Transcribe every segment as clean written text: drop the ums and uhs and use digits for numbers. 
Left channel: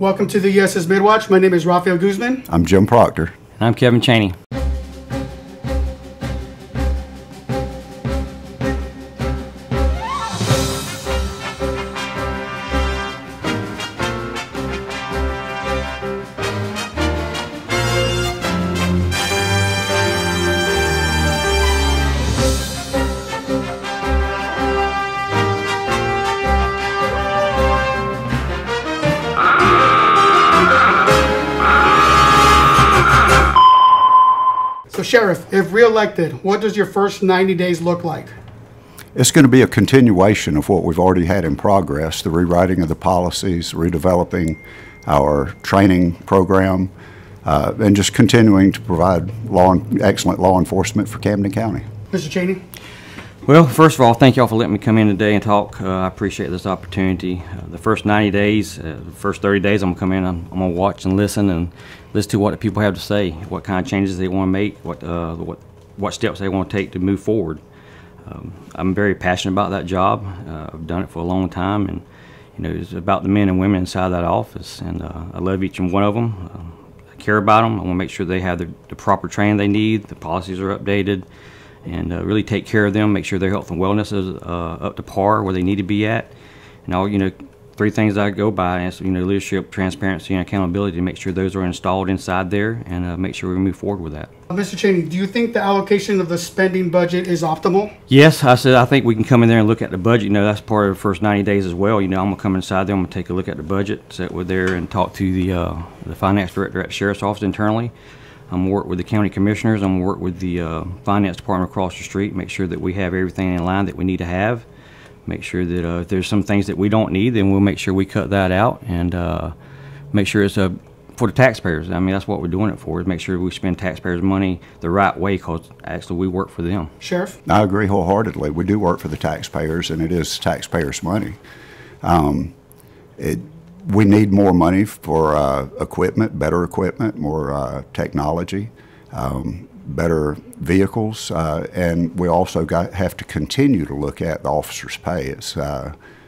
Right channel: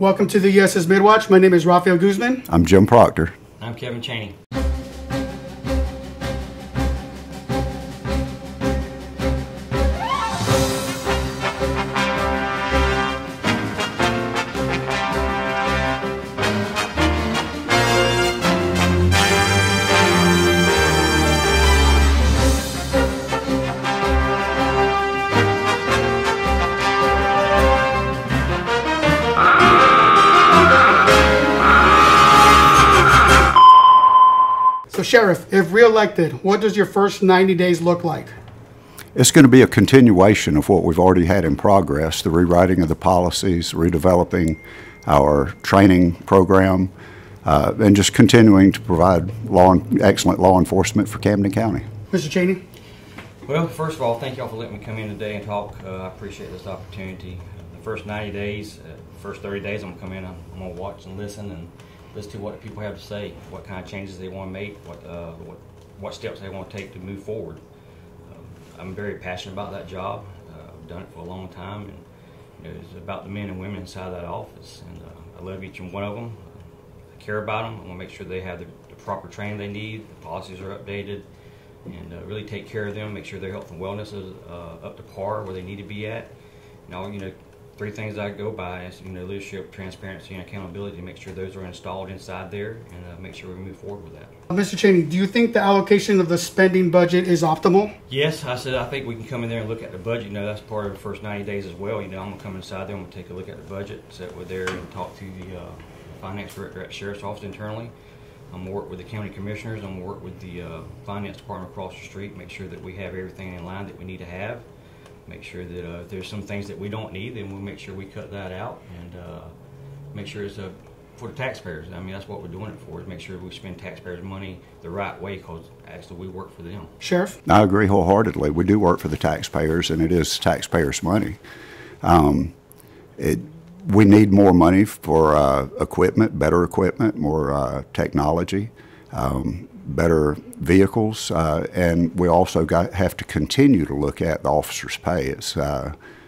Welcome to the USS Midwatch. My name is Rafael Guzman. I'm Jim Proctor. I'm Kevin Chaney. So Sheriff, if re-elected, what does your first 90 days look like? It's going to be a continuation of what we've already had in progress, the rewriting of the policies, redeveloping our training program, and just continuing to provide excellent law enforcement for Camden County. Mr. Chaney? Well, first of all, thank you all for letting me come in today and talk. I appreciate this opportunity. The first 90 days, the first 30 days, I'm going to come in, I'm going to watch and listen to what the people have to say, what kind of changes they want to make, what steps they want to take to move forward. I'm very passionate about that job. I've done it for a long time, and it's about the men and women inside that office, and I love each and one of them. I care about them. I want to make sure they have the proper training they need, the policies are updated, and really take care of them, make sure their health and wellness is up to par where they need to be at. And all, three things I go by is leadership, transparency, and accountability, to make sure those are installed inside there, and make sure we move forward with that. Mr. Chaney, do you think the allocation of the spending budget is optimal? Yes, I think we can come in there and look at the budget. That's part of the first 90 days as well. I'm going to come inside there, I'm going to take a look at the budget, sit with there and talk to the finance director at the Sheriff's Office internally. I'm going to work with the county commissioners. I'm going to work with the finance department across the street, make sure that we have everything in line that we need to have. Make sure that if there's some things that we don't need, then we'll make sure we cut that out, and make sure it's for the taxpayers. That's what we're doing it for, is make sure we spend taxpayers' money the right way, because actually we work for them. Sheriff? I agree wholeheartedly. We do work for the taxpayers, and it is taxpayers' money. We need more money for equipment, better equipment, more technology, better vehicles, and we also have to continue to look at the officers' pay. It's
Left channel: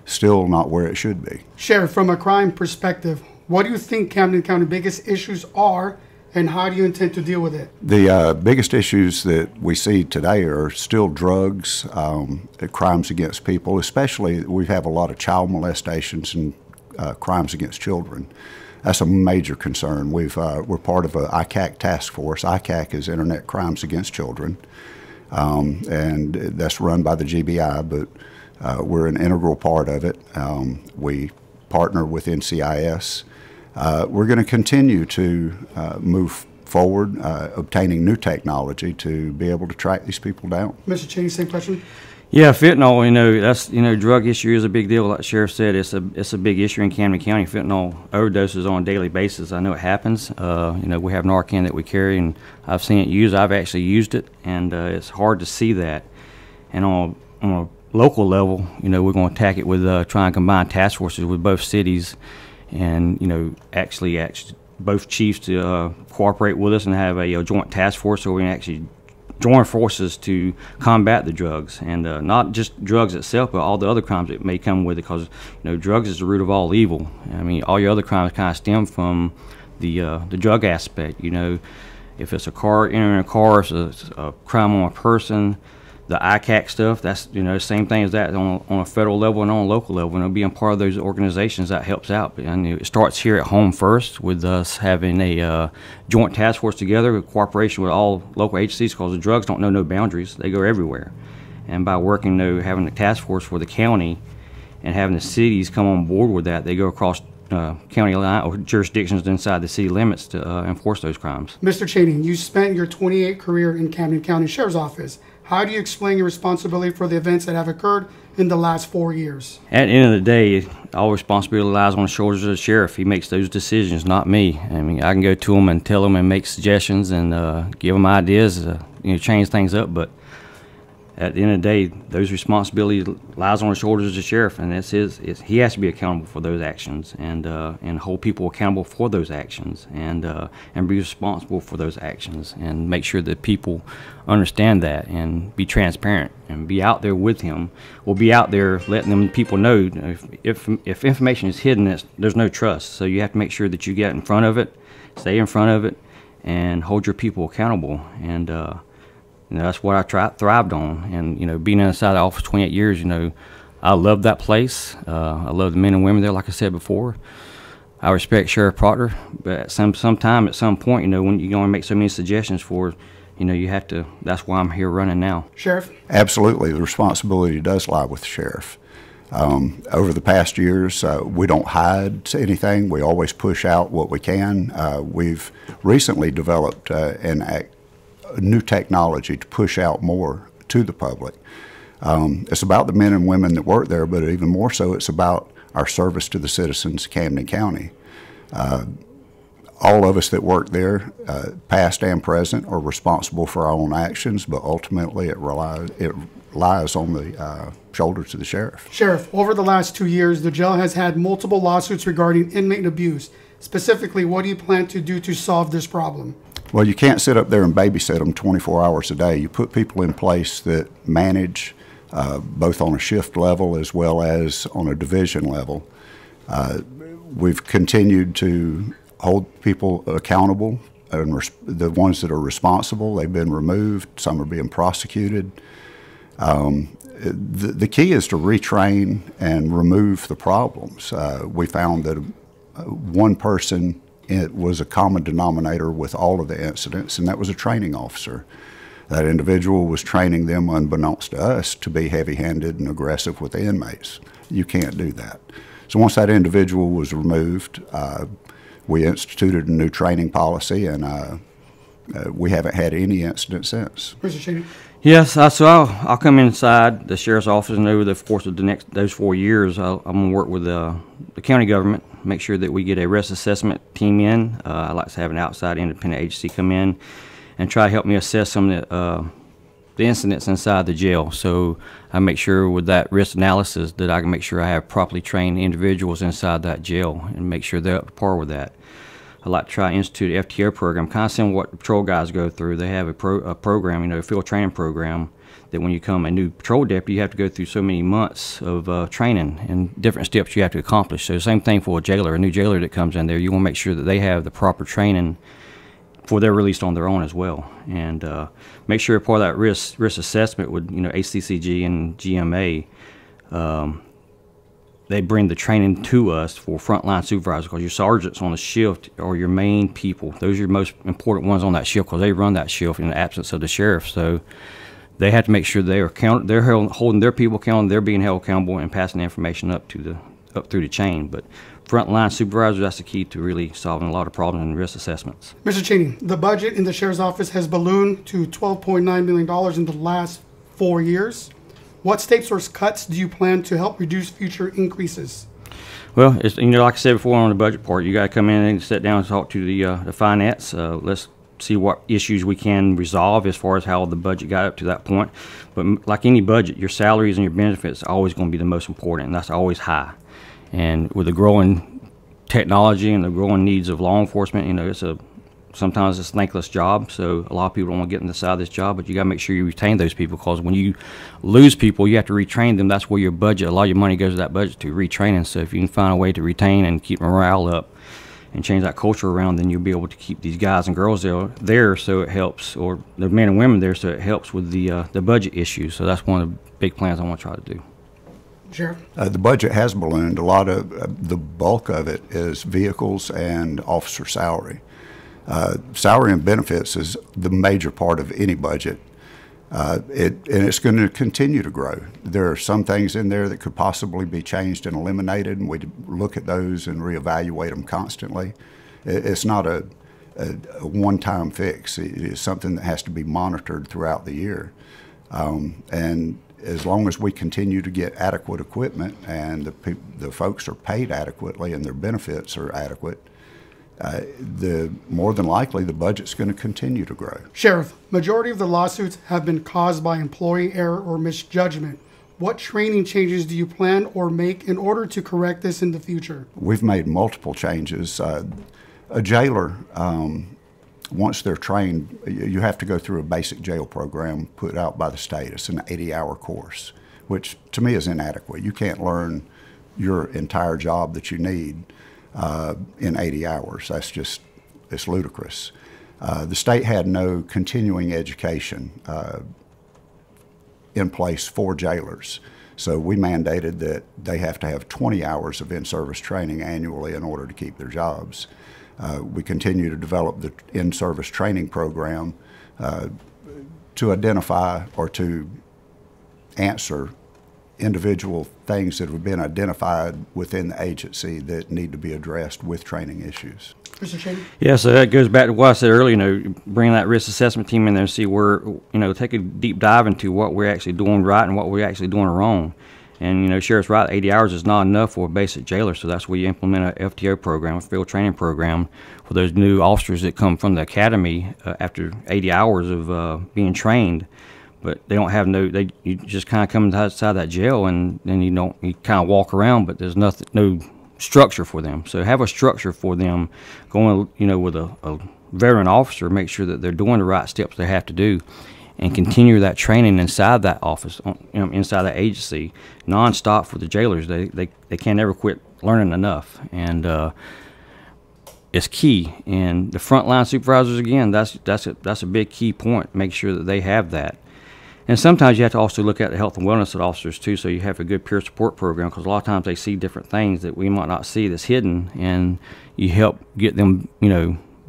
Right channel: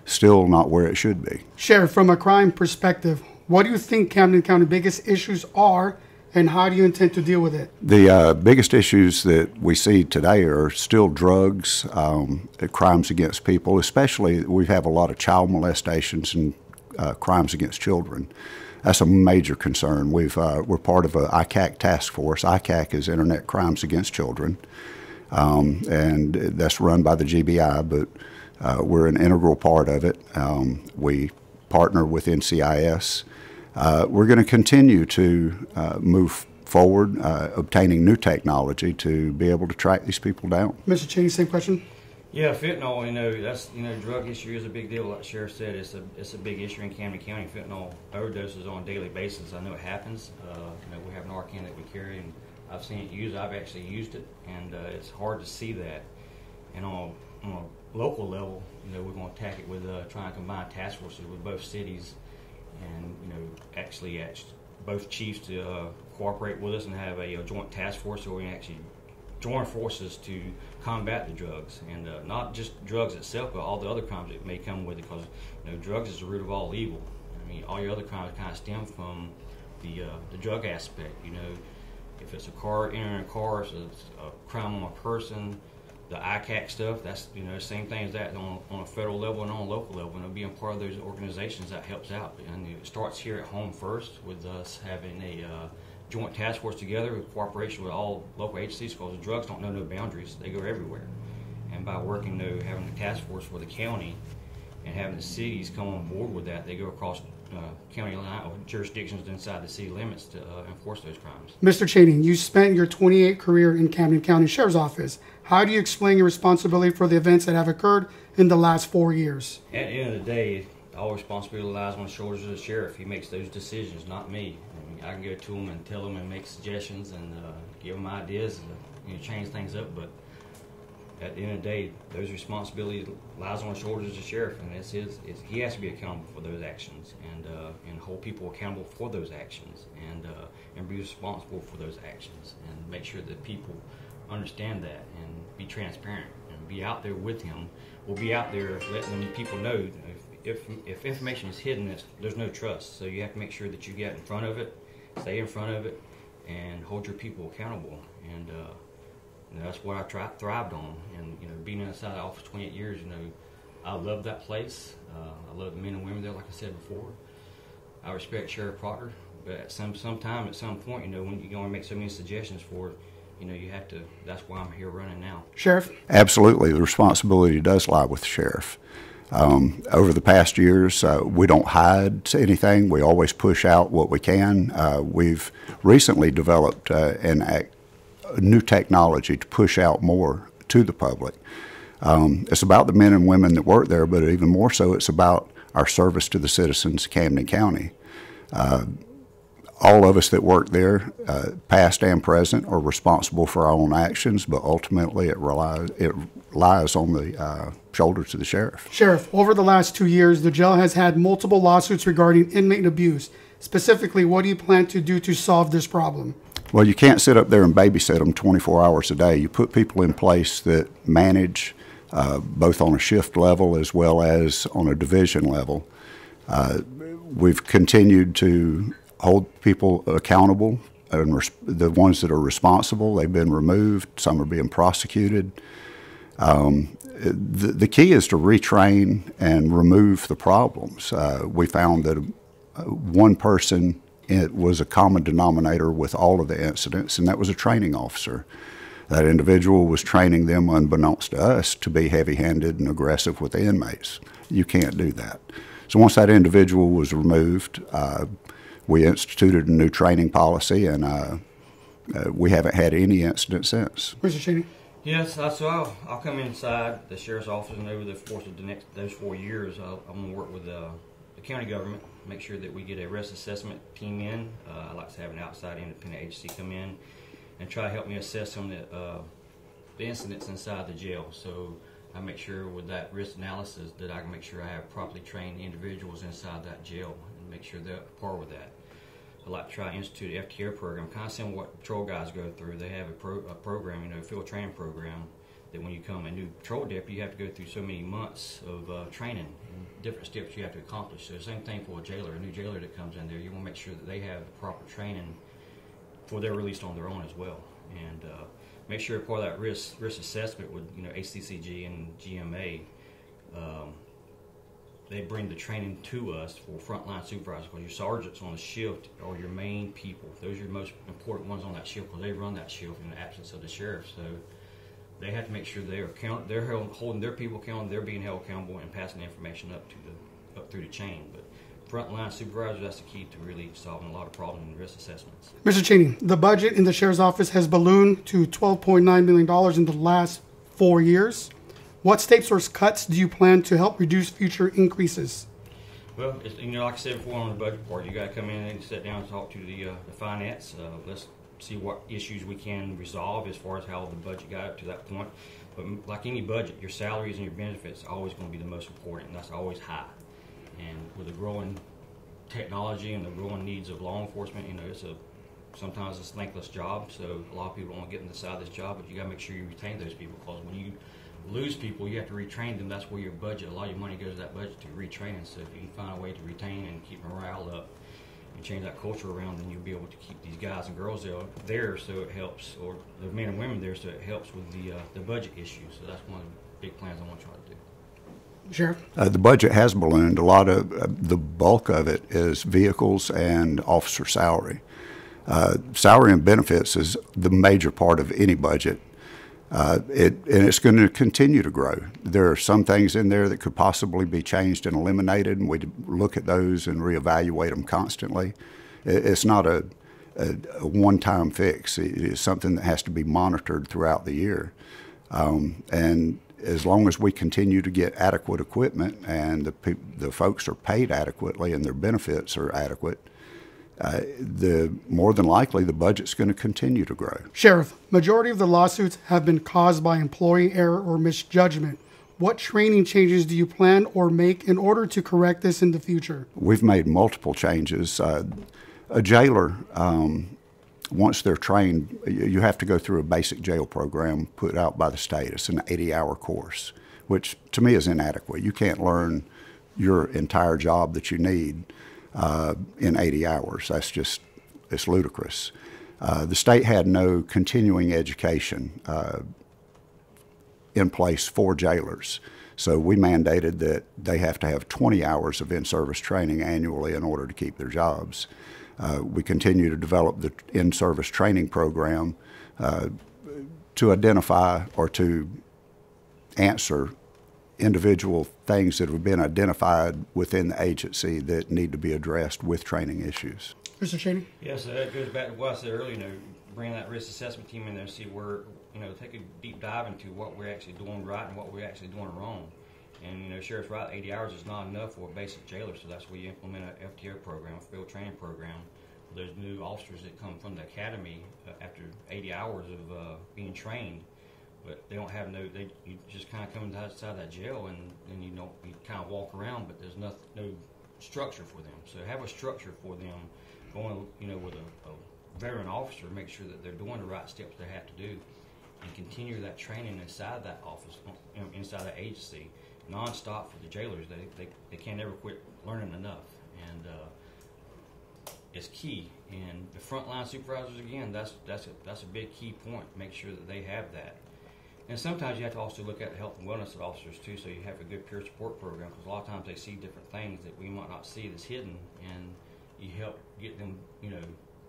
still not where it should be. Sheriff, from a crime perspective, what do you think Camden County biggest issues are, and how do you intend to deal with it? The biggest issues that we see today are still drugs, crimes against people, especially we have a lot of child molestations and crimes against children. That's a major concern. We're part of a ICAC task force. ICAC is Internet Crimes Against Children, and that's run by the GBI, but we're an integral part of it. We partner with NCIS. We're going to continue to move forward, obtaining new technology to be able to track these people down. Mr. Chaney, same question. Yeah, fentanyl, that's, drug issue is a big deal. Like the sheriff said, it's a big issue in Camden County. Fentanyl overdoses on a daily basis. I know it happens. We have Narcan that we carry, and I've seen it used. I've actually used it, and it's hard to see that. And on a local level, we're going to attack it with trying to combine task forces with both cities, and actually both chiefs to cooperate with us and have a joint task force, so we can actually join forces to combat the drugs, and not just drugs itself, but all the other crimes that may come with it, because drugs is the root of all evil. All your other crimes kind of stem from the drug aspect. If it's a car, entering a car, it's a crime on a person. The ICAC stuff, that's same thing as that on a federal level and on a local level, and being part of those organizations, that helps out. And it starts here at home first, with us having a joint task force together with cooperation with all local agencies, because the drugs don't know no boundaries, they go everywhere. And by working, having a task force for the county and having the cities come on board with that, they go across county line or jurisdictions inside the city limits to enforce those crimes. Mr. Chaney, you spent your 28 career in Camden County Sheriff's Office. How do you explain your responsibility for the events that have occurred in the last 4 years? At the end of the day, all responsibility lies on the shoulders of the sheriff. He makes those decisions, not me. I can go to him and tell him and make suggestions and give him ideas to change things up, but at the end of the day, those responsibilities lies on the shoulders of the sheriff, and he has to be accountable for those actions, and hold people accountable for those actions, and be responsible for those actions, and make sure that people understand that, and be transparent, and be out there with him, or be out there letting them people know if information is hidden, there's no trust. So you have to make sure that you get in front of it, stay in front of it, and hold your people accountable. And that's what I thrived on. And being inside the office 28 years, I love that place. I love the men and women there, like I said before. I respect Sheriff Proctor, but at some point, when you're going to make so many suggestions for, you have to. That's why I'm here running now. Sheriff? Absolutely, the responsibility does lie with the sheriff. Over the past years, we don't hide anything. We always push out what we can. We've recently developed new technology to push out more to the public. It's about the men and women that work there, but even more so, it's about our service to the citizens of Camden County. All of us that work there, past and present, are responsible for our own actions, but ultimately it lies on the shoulders of the sheriff. Sheriff, over the last 2 years, the jail has had multiple lawsuits regarding inmate abuse. Specifically, what do you plan to do to solve this problem? Well, you can't sit up there and babysit them 24 hours a day. You put people in place that manage both on a shift level as well as on a division level. We've continued to hold people accountable, and the ones that are responsible, they've been removed. Some are being prosecuted. The key is to retrain and remove the problems. We found that one person, it was a common denominator with all of the incidents, and that was a training officer. That individual was training them, unbeknownst to us, to be heavy-handed and aggressive with the inmates. You can't do that. So once that individual was removed, we instituted a new training policy, and we haven't had any incident since. Mr. Chaney? Yes, so I'll come inside the sheriff's office, and over the course of those 4 years, I'm going to work with the county government, make sure that we get a risk assessment team in. I like to have an outside independent agency come in and try to help me assess some of the incidents inside the jail. So I make sure with that risk analysis that I can make sure I have properly trained individuals inside that jail and make sure they're up to par with that. I like to try to institute an FTO program, kind of similar to what patrol guys go through. They have a program, a field training program, that when you become a new patrol deputy, you have to go through so many months of training and different steps you have to accomplish. So same thing for a new jailer that comes in there. You want to make sure that they have the proper training before they're released on their own as well. And make sure part of that risk assessment with ACCG and GMA, they bring the training to us for frontline supervisors, because your sergeants on the shift are your main people. Those are your most important ones on that shift, because they run that shift in the absence of the sheriff. So they have to make sure they're holding their people accountable, they're being held accountable, and passing the information up through the chain. But frontline supervisors, that's the key to really solving a lot of problems in risk assessments. Mr. Chaney, the budget in the sheriff's office has ballooned to $12.9 million in the last 4 years. What steps or cuts do you plan to help reduce future increases? Well, it's, like I said before on the budget part, you got to come in and sit down and talk to the finance. Let's see what issues we can resolve as far as how the budget got up to that point. But like any budget, your salaries and your benefits are always going to be the most important, and that's always high. And with the growing technology and the growing needs of law enforcement, sometimes it's a thankless job, so a lot of people don't want to get inside this job, but you got to make sure you retain those people, because when you lose people, you have to retrain them. That's where your budget, a lot of your money goes to that budget, to retraining. So if you can find a way to retain and keep morale up and change that culture around, then you'll be able to keep these guys and girls there so it helps, or the men and women there so it helps with the budget issue. So that's one of the big plans I want to try to do. Sheriff? The budget has ballooned. A lot of the bulk of it is vehicles and officer salary. Salary and benefits is the major part of any budget, and it's going to continue to grow. There are some things in there that could possibly be changed and eliminated, and we look at those and reevaluate them constantly. It's not a one-time fix. It's something that has to be monitored throughout the year. And as long as we continue to get adequate equipment and the folks are paid adequately and their benefits are adequate, the more than likely the budget's going to continue to grow. Sheriff, majority of the lawsuits have been caused by employee error or misjudgment. What training changes do you plan or make in order to correct this in the future? We've made multiple changes. A jailer, once they're trained, you have to go through a basic jail program put out by the state. It's an 80-hour course, which to me is inadequate. You can't learn your entire job that you need in 80 hours. That's just, it's ludicrous. The state had no continuing education in place for jailers. So we mandated that they have to have 20 hours of in-service training annually in order to keep their jobs. We continue to develop the in-service training program to identify or to answer individual things that have been identified within the agency that need to be addressed with training issues. Mr. Chaney? Yeah, so that goes back to what I said earlier, bring that risk assessment team in there and see where, take a deep dive into what we're actually doing right and what we're actually doing wrong. And, Sheriff's right, 80 hours is not enough for a basic jailer, so that's where you implement a FTO program, a field training program, for those new officers that come from the academy after 80 hours of being trained. But they don't have you just kind of come outside that jail and then you kind of walk around, but there's no structure for them. So have a structure for them going, with a veteran officer, make sure that they're doing the right steps they have to do and continue that training inside that office, inside that agency, nonstop for the jailers. They can't ever quit learning enough. And it's key. And the frontline supervisors, again, that's a big key point. Make sure that they have that. And sometimes you have to also look at the health and wellness of officers too, so you have a good peer support program, because a lot of times they see different things that we might not see that's hidden, and you help get them,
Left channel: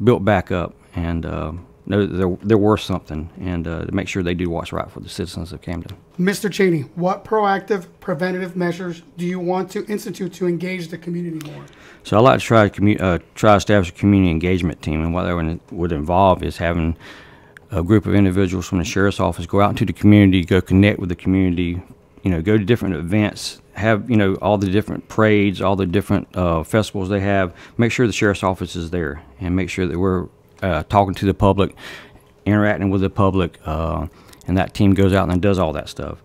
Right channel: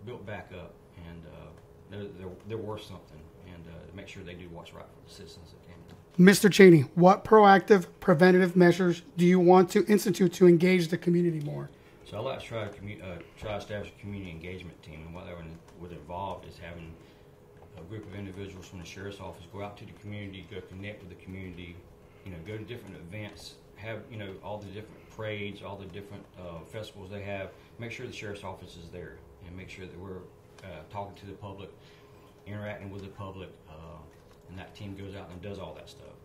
built back up and know that they're worth something, and to make sure they do what's right for the citizens of Camden. Mr. Chaney, what proactive preventative measures do you want to institute to engage the community more? So I like to try to establish a community engagement team, and what that would involve is having a group of individuals from the sheriff's office go out into the community, go connect with the community, go to different events, have, all the different parades, all the different festivals they have. Make sure the sheriff's office is there, and make sure that we're talking to the public, interacting with the public, and that team goes out and does all that stuff.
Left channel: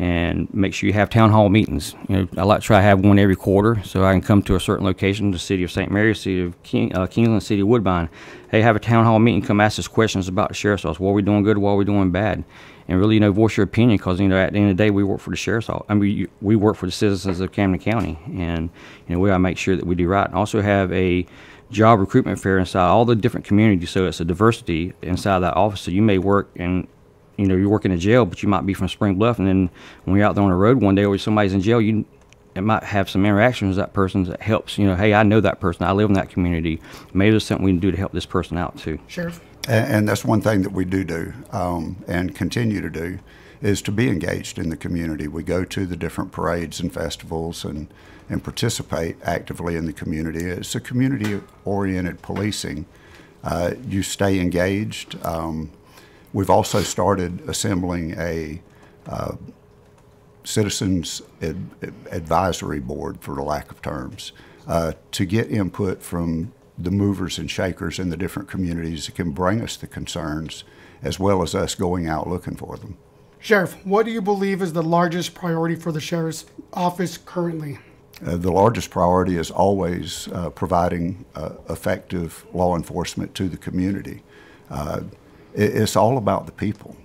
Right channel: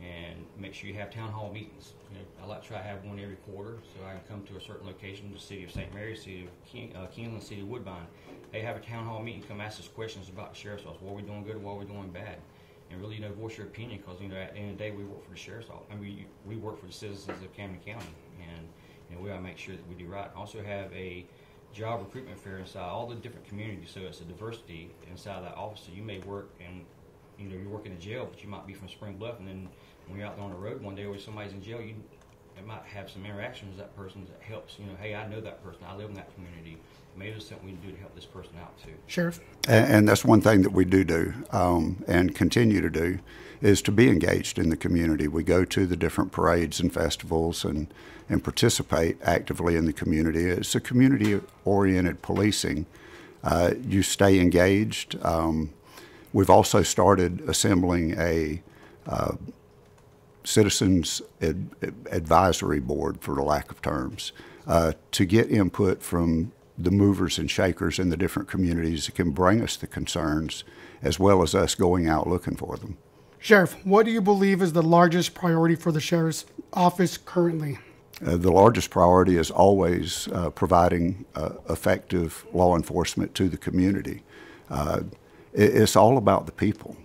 And make sure you have town hall meetings. I like to try to have one every quarter, so I can come to a certain location, the city of St. Mary, city of Keeneland, city of Woodbine. Hey, have a town hall meeting, come ask us questions about the sheriff's office. What are we doing good, what are we doing bad? And really, voice your opinion, because, at the end of the day, we work for the sheriff's office. We work for the citizens of Camden County, and, we gotta make sure that we do right. And also have a job recruitment fair inside all the different communities, so it's a diversity inside that office. So you may work in, you work in a jail, but you might be from Spring Bluff, and then when you're out there on the road one day or somebody's in jail, it might have some interactions with that person that helps, hey, I know that person, I live in that community. Maybe there's something we can do to help this person out too. Sheriff? And that's one thing that we do and continue to do, is to be engaged in the community. We go to the different parades and festivals and participate actively in the community. It's a community-oriented policing. You stay engaged. We've also started assembling a citizens advisory board, for the lack of terms, to get input from the movers and shakers in the different communities that can bring us the concerns, as well as us going out looking for them. Sheriff, what do you believe is the largest priority for the sheriff's office currently? The largest priority is always providing effective law enforcement to the community. It's all about the people.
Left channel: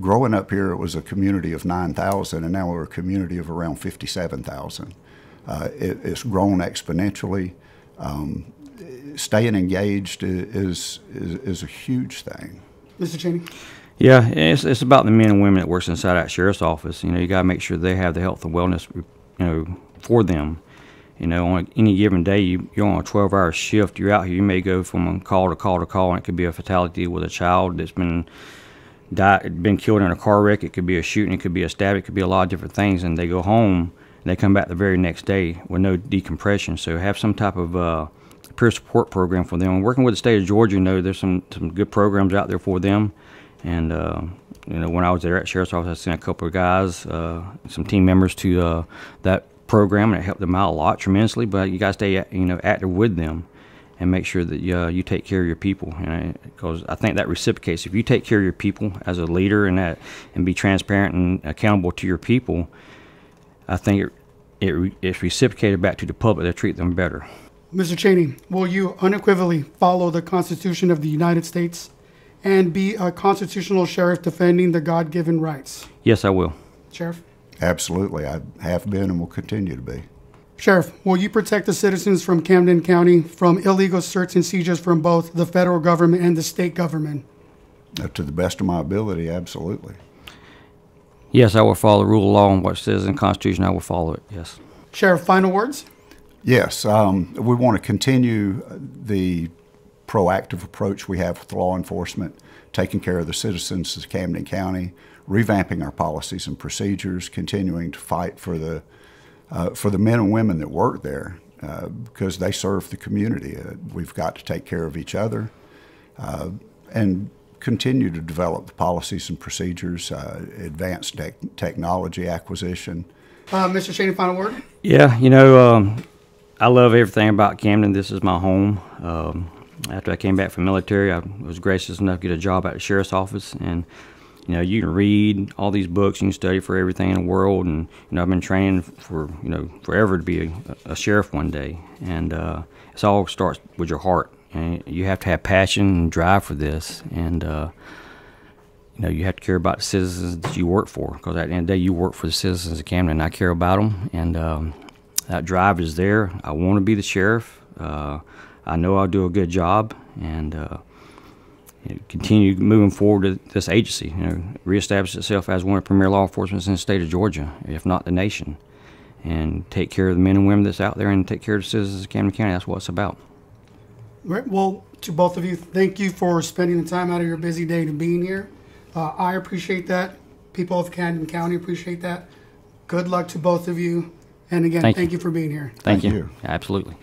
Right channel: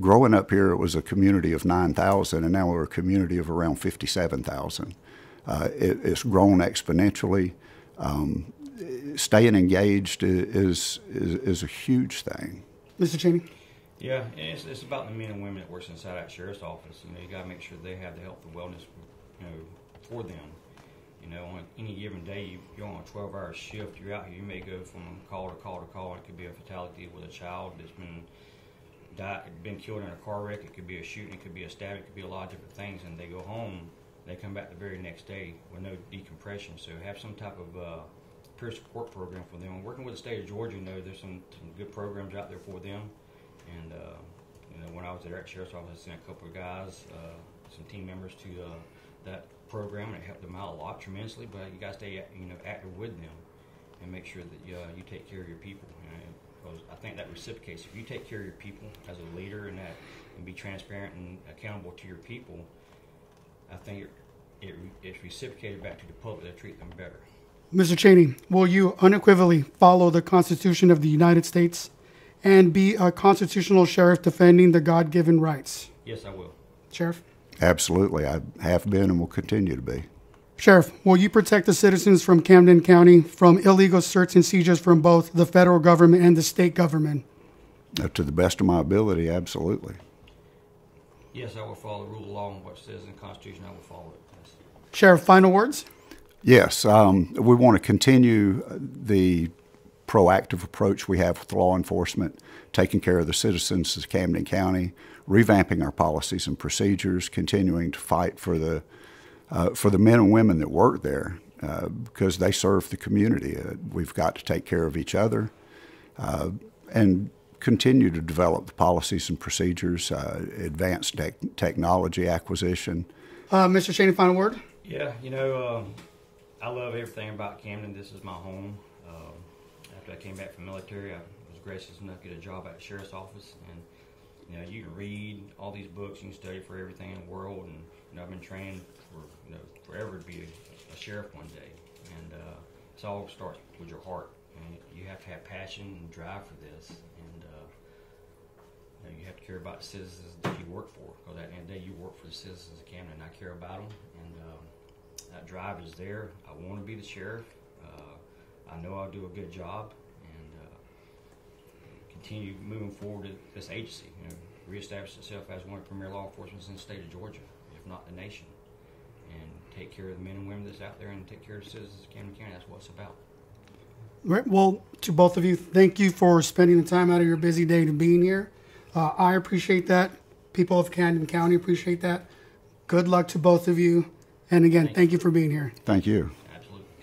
Growing up here, it was a community of 9,000, and now we're a community of around 57,000. It's grown exponentially. Staying engaged is a huge thing. Mr. Chaney? Yeah, it's about the men and women that works inside that sheriff's office. You got to make sure they have the health and wellness, for them. On any given day, you're on a 12-hour shift. You're out here. You may go from call to call to call, and it could be a fatality with a child that's been killed in a car wreck. It could be a shooting. It could be a stab. It could be a lot of different things. And they go home, and they come back the very next day with no decompression. So have some type of peer support program for them. And working with the state of Georgia, there's some good programs out there for them. And when I was there at Sheriff's Office, I sent a couple of guys, some team members to that program, and it helped them out a lot tremendously. But you got to stay active with them, and make sure that you take care of your people. Because I think that reciprocates. If you take care of your people as a leader and be transparent and accountable to your people, I think it's reciprocated back to the public. They treat them better. Mr. Chaney, will you unequivocally follow the Constitution of the United States and be a constitutional sheriff defending the God-given rights? Yes, I will. Sheriff? Absolutely. I have been and will continue to be. Sheriff, will you protect the citizens from Camden County from illegal search and seizures from both the federal government and the state government? To the best of my ability, absolutely. Yes, I will follow the rule of law and what it says in the Constitution. I will follow it, yes. Sheriff, final words? Yes. We want to continue the proactive approach we have with law enforcement, taking care of the citizens of Camden County, revamping our policies and procedures, continuing to fight for the men and women that work there because they serve the community. We've got to take care of each other and continue to develop the policies and procedures, advanced technology acquisition. Mr. Chaney, final word? Yeah, I love everything about Camden. This is my home. After I came back from the military, I was gracious enough to get a job at the sheriff's office, and you can read all these books, you can study for everything in the world, and I've been training for forever to be a sheriff one day, and it all starts with your heart, and you have to have passion and drive for this, and you have to care about the citizens that you work for, because at the end of the day, you work for the citizens of Camden, and I care about them, and that drive is there. I want to be the sheriff. I know I'll do a good job, and continue moving forward to this agency, reestablish itself as one of the premier law enforcement in the state of Georgia, if not the nation, and take care of the men and women that's out there and take care of the citizens of Camden County. That's what it's about. Right. Well, to both of you, thank you for spending the time out of your busy day to being here. I appreciate that. People of Camden County appreciate that. Good luck to both of you. And again, thank you for being here. Thank you. Absolutely.